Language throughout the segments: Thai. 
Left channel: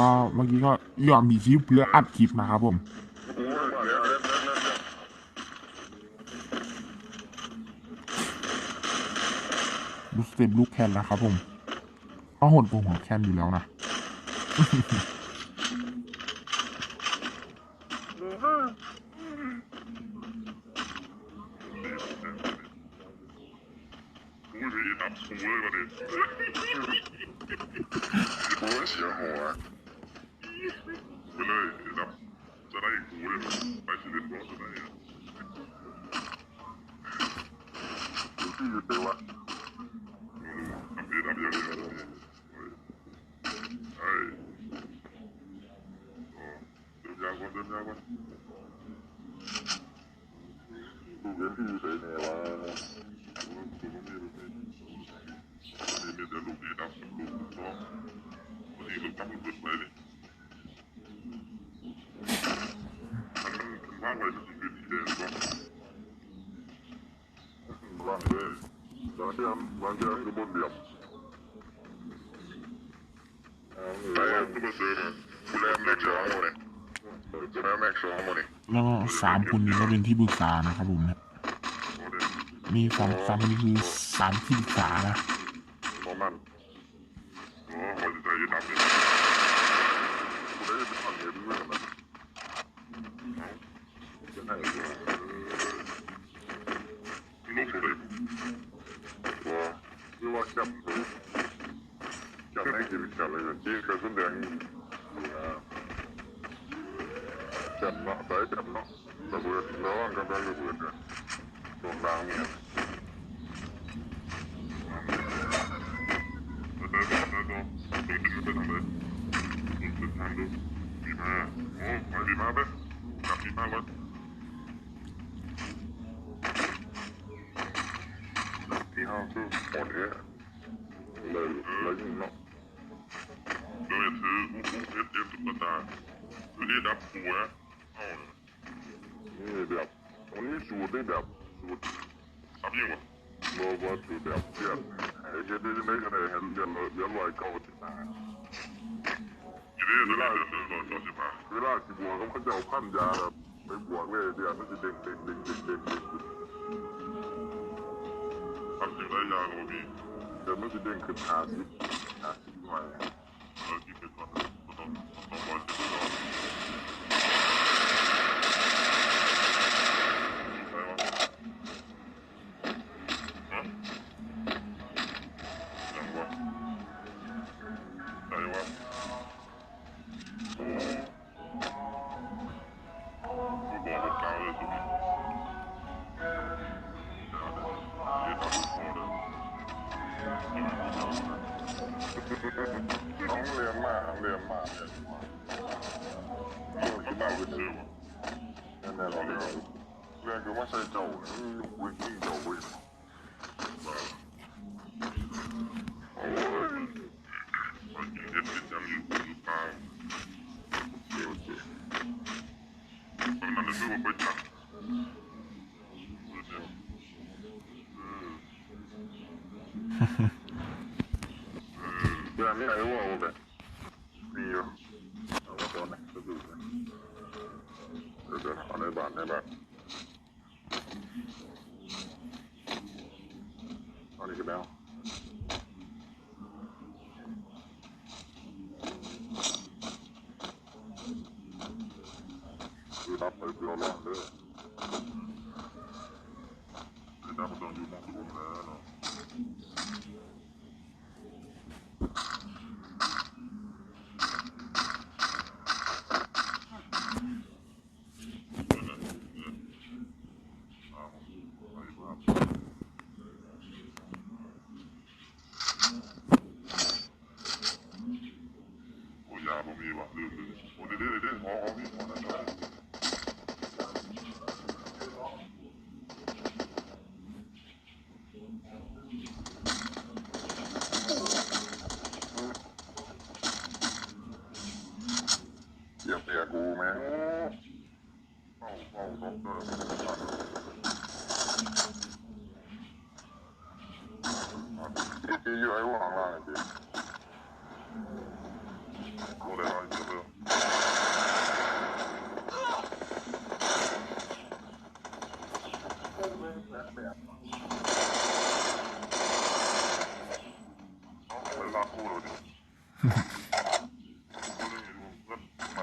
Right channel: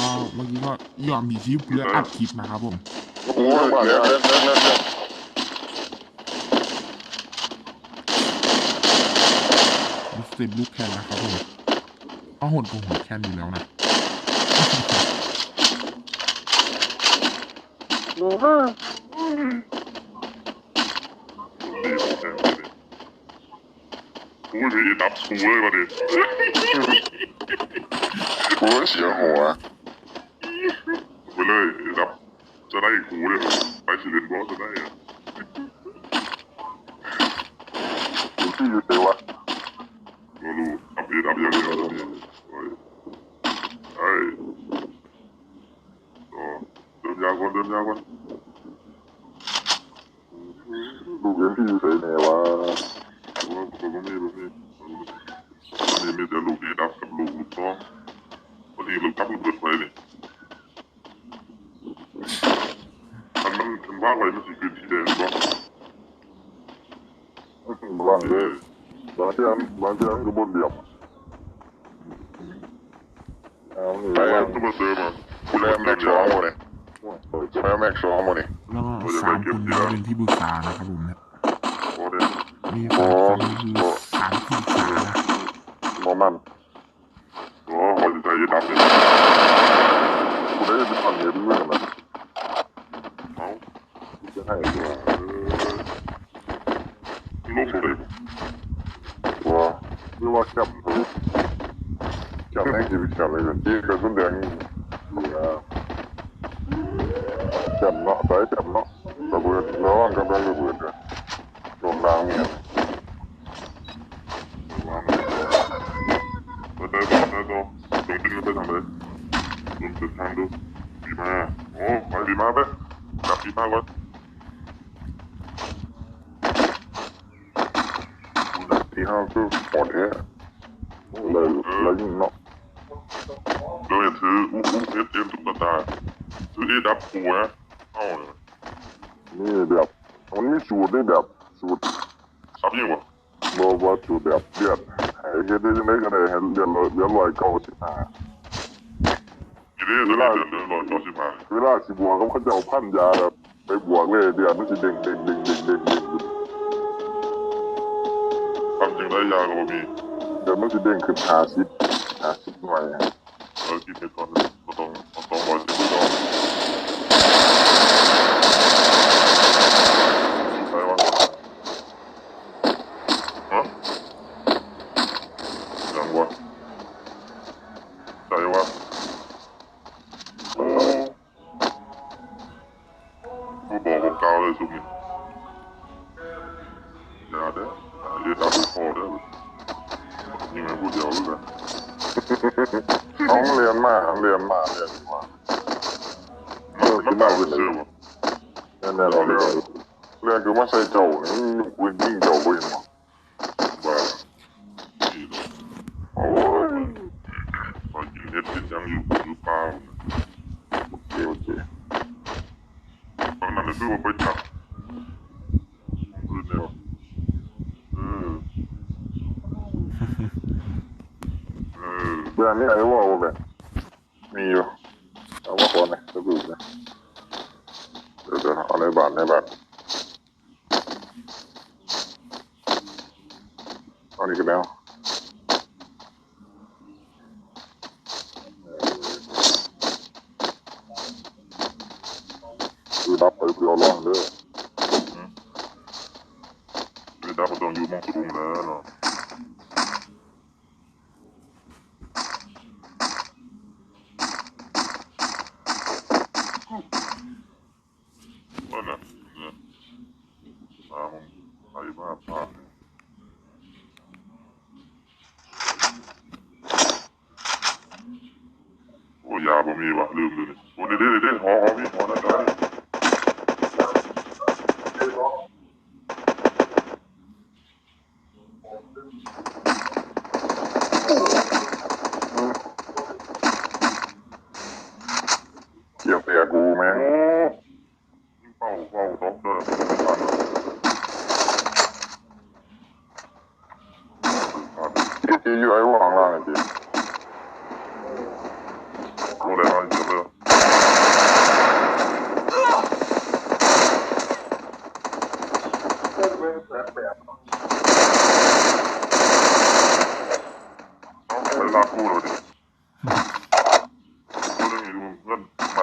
ก็เมื่อกี้ก็ยอมมีคลิปเพื่ออัดคลิปนะครับผมลูกเต็มลูกแคนแล้วครับผมก็หดกว่าหัวแคนอยู่แล้วนะกูจะดับกูเลยมาดิกูเสียหัวไปเลยดับจะได้กูเลยไปสิเล่นบอสจะได้อะดูที่อยู่เตวะรู้อัพเดทอัพอย่างเดียวไอ้เดินยาวก่อนดูเรื่องที่อยู่ไหนวะผมไม่มีแต่ลูกดีดับกับลูกน้องวันนี้ลูกดับมันเกิดไปเนี่ยมันว่างไว้มันสิเป็นสีแดงบ้างว่างเลยบางทีอันก็บนเดียบไปตัวมาเจอมาคุณแม่แม็กซ์ร้องหมดเลยแม็กซ์ร้องหมดเลยแล้วก็3 คนนี้ก็เป็นที่ปรึกษานะครับผมเนี่ยมี3 คนคือ3 ที่ปรึกษานะมันคนใจจะดับเลยคุณได้เป็นคนเดียวด้วยนะเขาจะให้ลูกเลยว่าหรือว่าจับแม่งจีบจับเลยที่กระสุนแดงจับเนาะไปจับเนาะระเบิดร้อนกำลังระเบิดเลยโดนล้างเนี่ยตรงจริงไปทำเลยลงเส้นทางดูดีมาโอ้ไปดีมาไปจับดีมาก่อนที่ห้าคือหมดเลยยิงเนาะเลยถือเอสตุ๊กตาถือที่ดับหัวเอาเลยนี่แบบมันมีสูตรได้แบบสูตรซับยิ่งวะบอกว่าสูตรแบบเดือดไอ้เฮ็ดได้ยังไงก็ได้ให้เดือด195เวลาสิบวกเขาจะเอาพันยาแบบไปบวกเลยเดือดมันสิเด้งทำจริงได้ยาก็มีเดี๋ยวมันสิเด้งขึ้น50หน่วยกินไปก่อนต้องรอสิบก่อนใช่วะฮะยังวะใช่วะกูบอกกาวเลยสุกี้อย่าเด้ออย่าทำให้พอเด้อยังไงพูดเดียวเลยนะน้องเรียนมาคือน่าเป็นเชื่อวะแน่ๆเราเรียนคือว่าใส่เจ้านี่วิ่งเจ้าไปมั้งว่าโอ้ยตอนกินเน็ตเป็นยังอยู่เปล่าโอเคตอนนั้นนึกว่าไปจับเดี๋ยวเรื่องนี้ไอ้ว่าแบบมีอยู่เอาว่าคนนะจะดูนะเดี๋ยวเอาในบ้านเอานี่กันแล้วคือดับไปเพื่อร้องเลยคือดับมาต้องอยู่มองสูงแล้วเนาะโอ้ยาบ่มีวะลืมเลยโอ้เด็ดหอมีหอนะจ๊ะเกี่ยวเสียกูแม่เฝ้าตบเลยที่อยู่ไอ้ว่างล่างจริงโอ้ได้มา เยอะเลยไปลากกูเลยดิกูเรื่องนี้ดูเพื่อนไป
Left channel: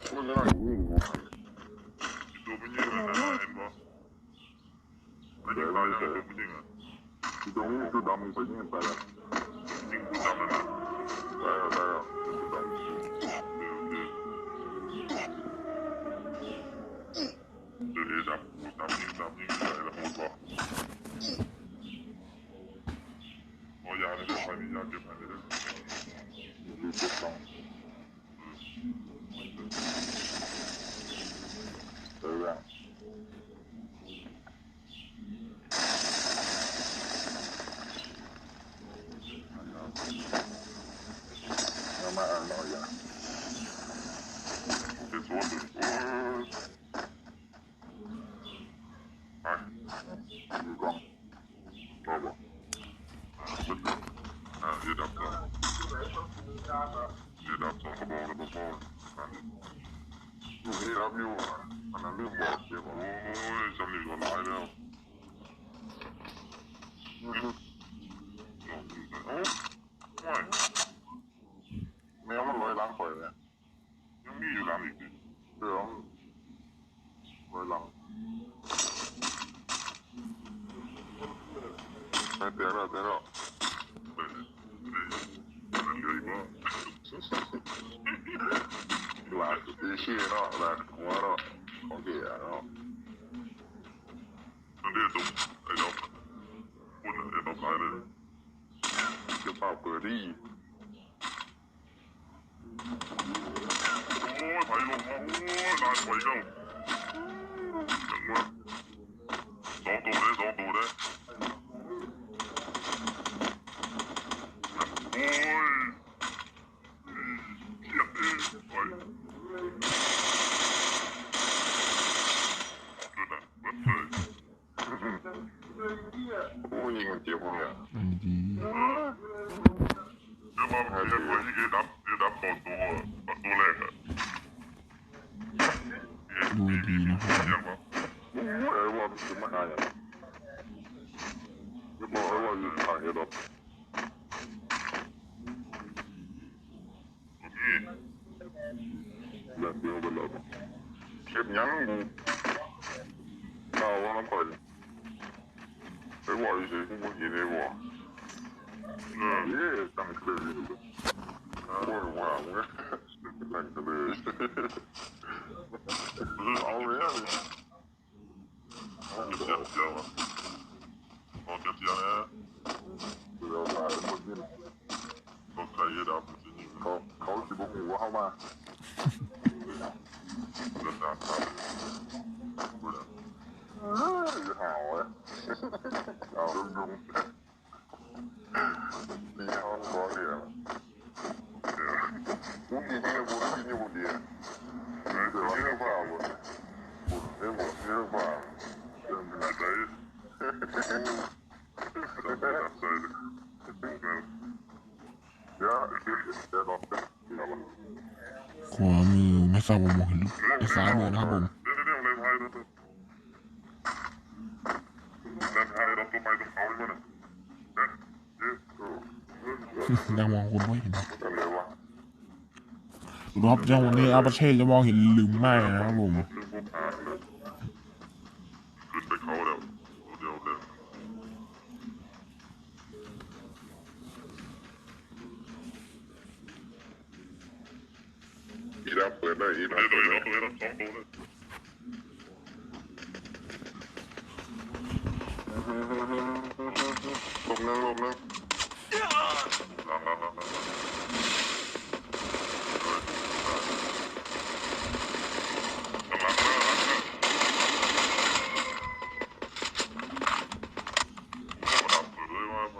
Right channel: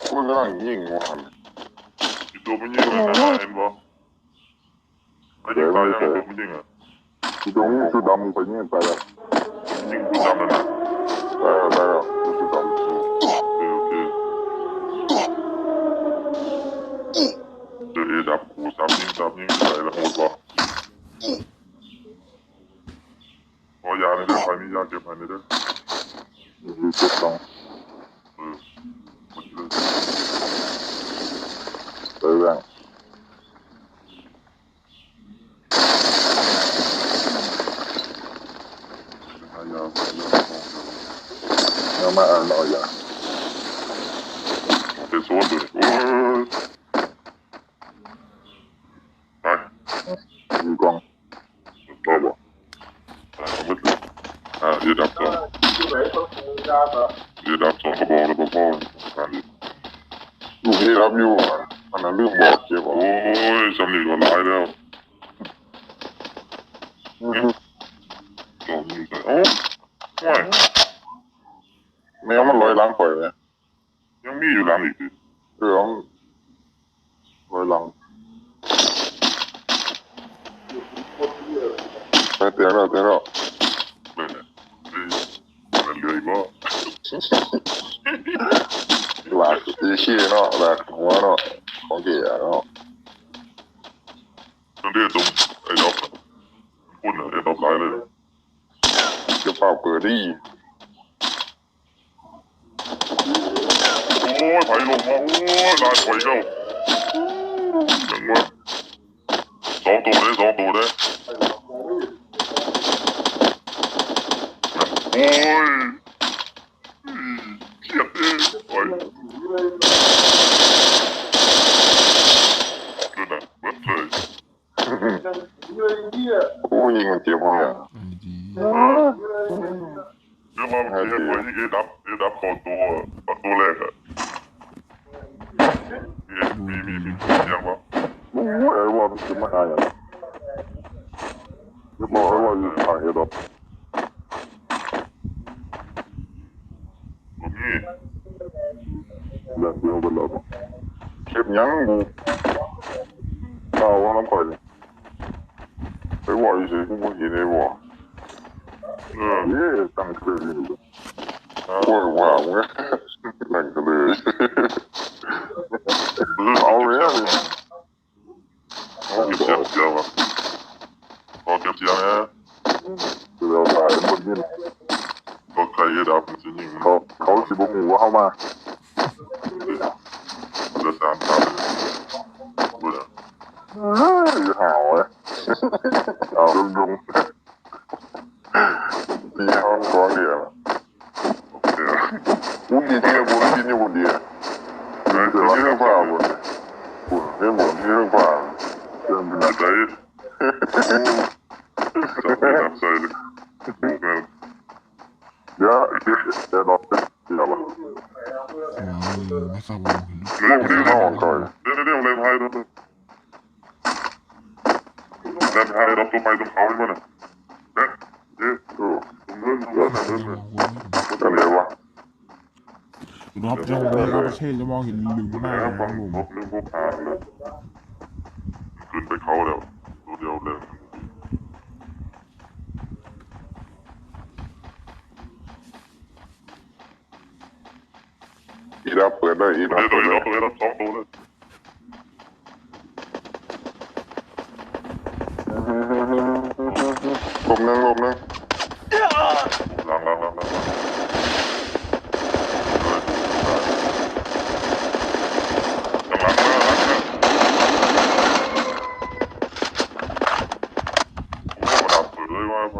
กูกำลังยิงมันอีตัวมันยิงเลยนะเห็นปะไอ้ยิงตายยังตัวมันยิงอ่ะกูจะยิงชุดดำไปยิงไปแล้วยิงชุดดำนั่นนะได้แล้วชุดดำโอเคเดี๋ยวดับกูซับยิงไปแล้วหมดปะพอยาเลยเด้อใครมียาเก็บให้เลยเด้อเก็บต้องเรื่องยังมาอ่านหน่อยอย่างเป็นโซนเลยไปมีกล้องต่อบ่มืดเลยเดี๋ยวดับสองกระบอกแล้วพ่อลูกนี่รับอยู่อันนั้นเรื่องบอกเจ็บโอ้ยสำนีก็ร้ายแล้วลองดูไปโอ้ไม่แมวมันลอยล้างปล่อยเลยยังมีอยู่ล้างอีกดิเรื่องลอยล้างไปเตะแล้วไม่เนี่ยมันเหลืออีกบ่หลักตีขี้เนาะหลักหัวเนาะของเกียร์เนาะต้องเรียกตรงไอ้ดอกคุณไอ้ดอกลายเลยจะเป่าเปิดดิโอ้ยไผ่ลงมาโอ้ยลายไผ่เข้าอย่างว่าสองตัวเลยโอ้ยเขียดเองโอ้ยดูนะเบิดเลยโอ้ยยิงมันเจ็บเนี่ยดีเดี๋ยวมาเดี๋ยวไปที่ดับตอนตัวแรกอะมียังวะโอ้ยไอ้ว่ามันจะมาอะไรอ่ะจะบอกไอ้ว่าอยู่ทางเฮดอปนี่เรื่องเดียวกันแล้วเก็บยังบุเอาว่าน้ำข่อยไอ้ว่าอยู่สิกูไม่เห็นไอ้ว่าตั้งเคยอยู่โอ้ยว้าวเนี่ยนั่งกันเลยเอาเลยเอาเก็บเสียงวะเอาเก็บเสียงนะเราตายคนยินก็ใครก็ดับจริงเขาสิบหัวเข้ามาจะตามตามเลยหาวเลยเอาดุงตีห้องก้อนเดียวบุญดีที่บุญกินอยู่บุญดีเรื่องฝ่าบุญเรื่องบุญเรื่องฝ่าเรื่องเป็นอะไรจะเป็นอะไรเลยเดี๋ยวรอเดี๋ยวขวามือไม่ทราบว่าเห็นเรื่องที่ห้องก่อนเรื่องอะไรพายรถเดินพายรถตัวไปตรงเขาใช่ไหมเนี่ยยังมองคนไม่เห็นอะไรวะรอบจังหวะนี้อาประเทศจะมองเห็นลืมมากเลยนะผมเรื่องพวกหาเลยขึ้นไปเขาแล้วตัวเดียวเลยอีรับเปิดได้อีรับเปิดได้สองตัวเลยลมนึงหลัง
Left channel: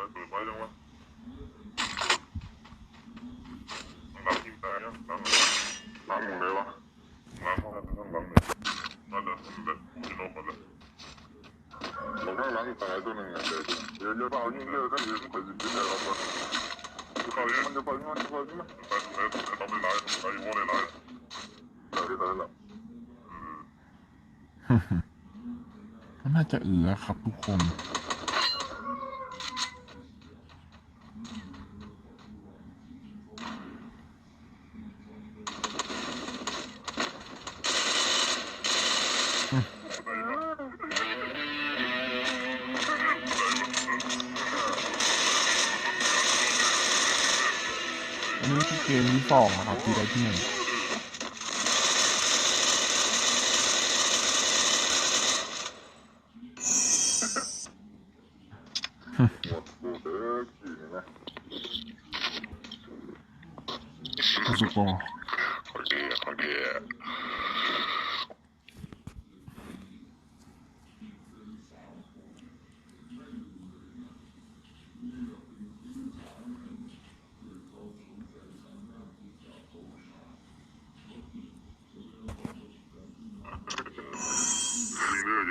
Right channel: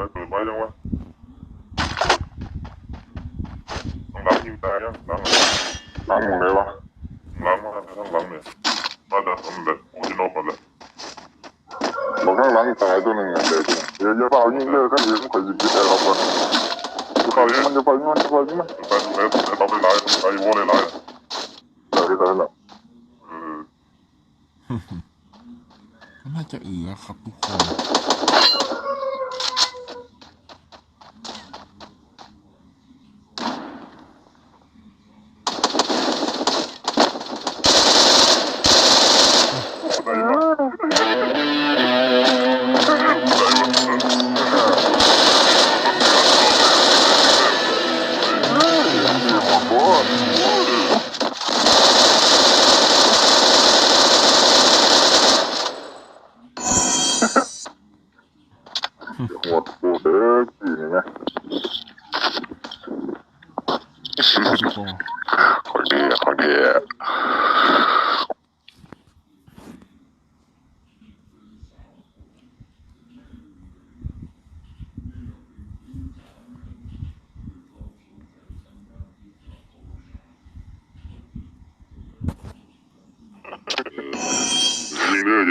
เปิดไว้ยังวะต้องรับยิงตายยังหลังมึงเลยวะหลังมาทั้งหลังเนี่ยมาจะทำแบบกูจะนกมาเลยบอกข้างหลังตายตัวหนึ่งเดี๋ยวเปล่ายิงเลิกกันเดี๋ยวข่อยยิงไปแต่เราคน เขามันจะไปมันจะไปมันแต่ต้องได้ไล่ไอ้วอลได้ไล่ได้ละ ก็น่าจะครับทุกคน ทั้งสองครับหมดกูเด็กกี่นี่นะสุกรคนดียิงเลย